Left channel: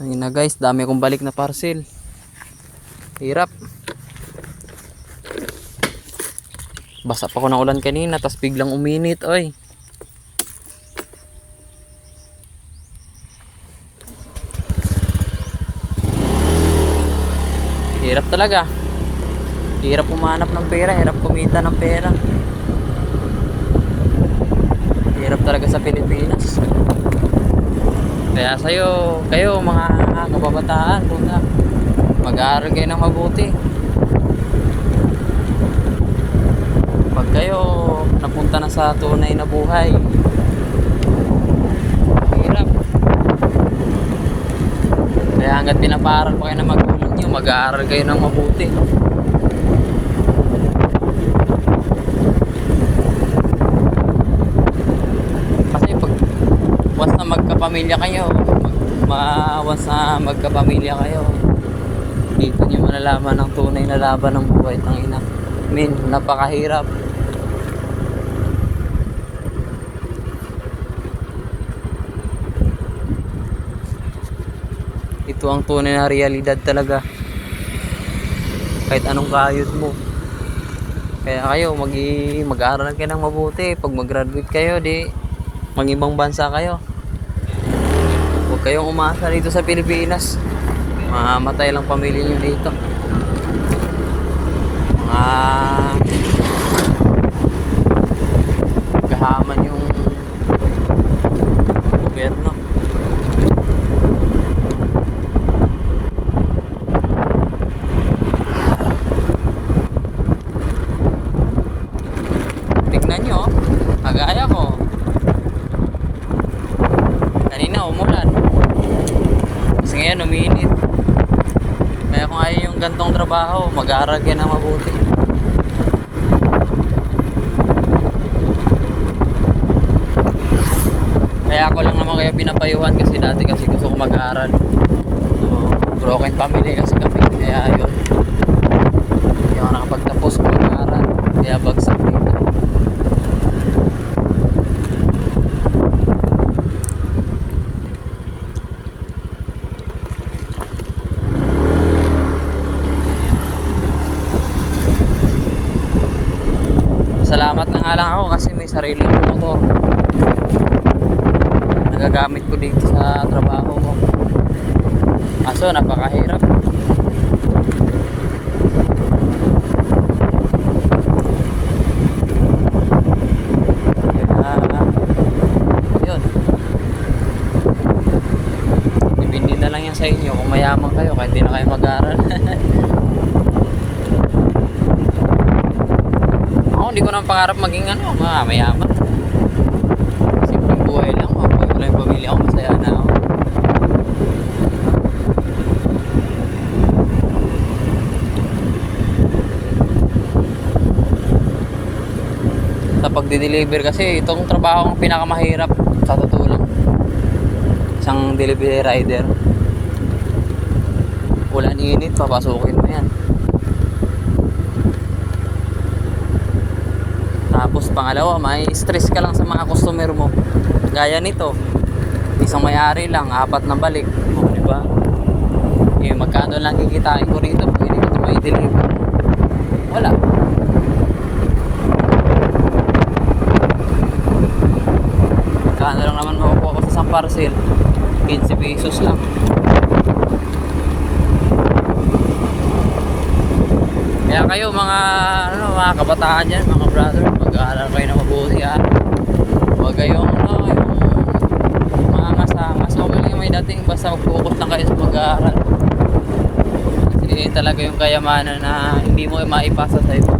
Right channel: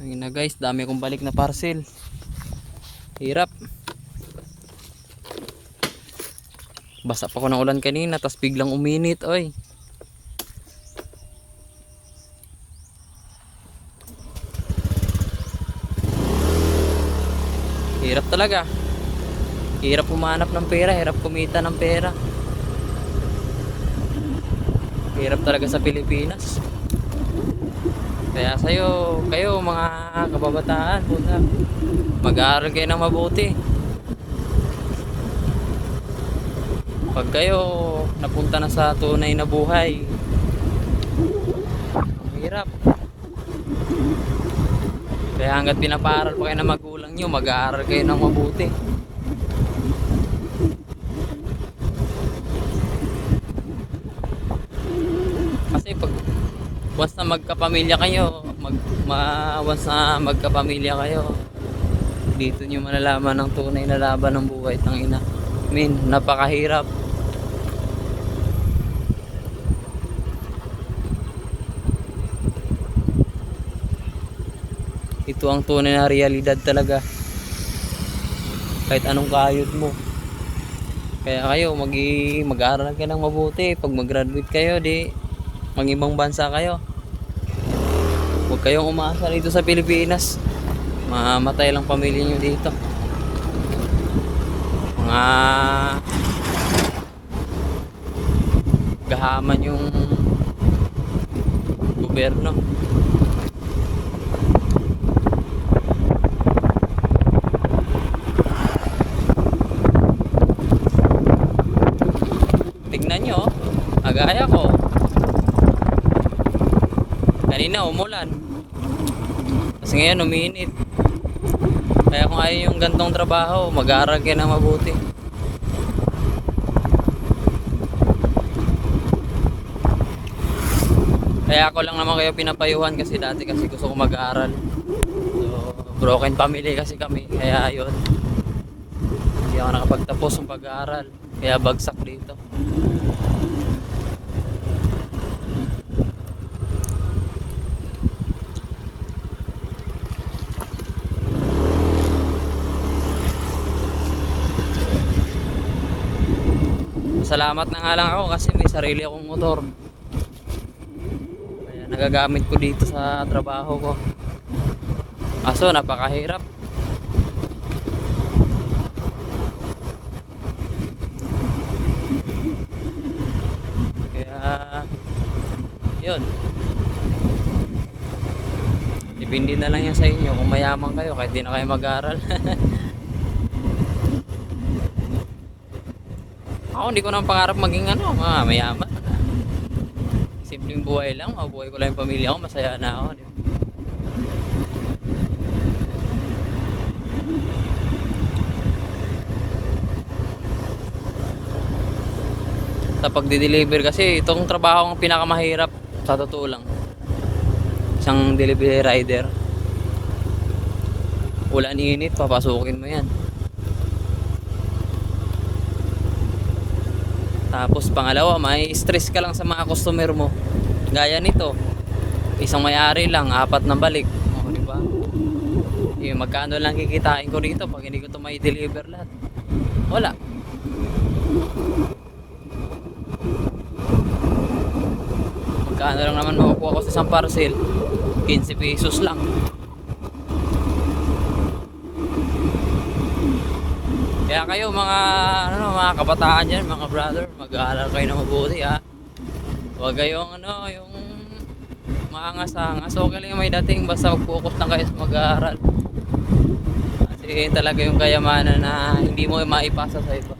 Ayun na guys, dami kong balik na parcel. Hirap. Basa pa ko ng ulan kanina, tapos biglang uminit, oy. Hirap talaga. Hirap pumanap ng pera, hirap kumita ng pera. Hirap talaga sa Pilipinas. Kaya kayo mga kababataan, mag-aaral kayo ng mabuti. Pag kayo napunta na sa tunay na buhay, hirap. Kaya hanggat pinapaaral pa kayo ng magulang nyo, mag-aaral kayo ng mabuti. Kasi once na magkapamilya kayo, magkapamilya kayo, dito nyo malalaman ang tunay na laban ng buhay. Tangina, napakahirap. Ito ang tunay na realidad talaga, kahit anong kayod mo. Kaya kayo mag-aaral kayo ng mabuti. Pag mag-graduate kayo, di mag-ibang bansa kayo. Huwag kayong umasa dito sa Pilipinas, mamamatay lang pamilya nyo dito. Mga gahaman yung gobyerno. Tignan nyo, agaya ko kanina umulan, kasi ngayon uminit. Kaya kung ayaw yung gantong trabaho, mag-aaral kayo na mabuti. Kaya ako lang naman kayo pinapayuhan, kasi dati kasi gusto ko mag-aaral. So, broken family kasi kami, kaya yun, hindi ako nakapagtapos sa mag-aaral, kaya bagsak dito. Salamat na nga lang ako kasi may sarili akong motor. Nagagamit ko dito sa trabaho ko. Kaso napakahirap. Yun. Depende na lang yan sa inyo kung mayaman kayo kahit di na kayo mag-aaral. Hindi ko nang pangarap maging mayaman. Simpleng buhay lang, mabuhay ko lang yung pamilya ko, masaya na ako. Sa pagdi-deliver kasi, itong trabaho ang pinakamahirap sa totoo lang. Isang delivery rider, ulan init, papasukin mo yan. Tapos pangalawa, may stress ka lang sa mga customer mo. Gaya nito, isang may-ari lang, 4 na balik. O, diba? Magkano lang kikitain ko rito pag hindi ko ito may deliver? Wala. Magkano lang naman makukuha ko sa isang parcel? 15 pesos lang. Kaya kayo mga kabataan dyan, mga brother, mag-aaral kayo na mabuti ha. Huwag kayong yung mga angas-angas. Huwag lang may dating, basta focus lang kayo sa mag-aaral. Kasi talaga yung kayamanan na hindi mo maipasa sa iba.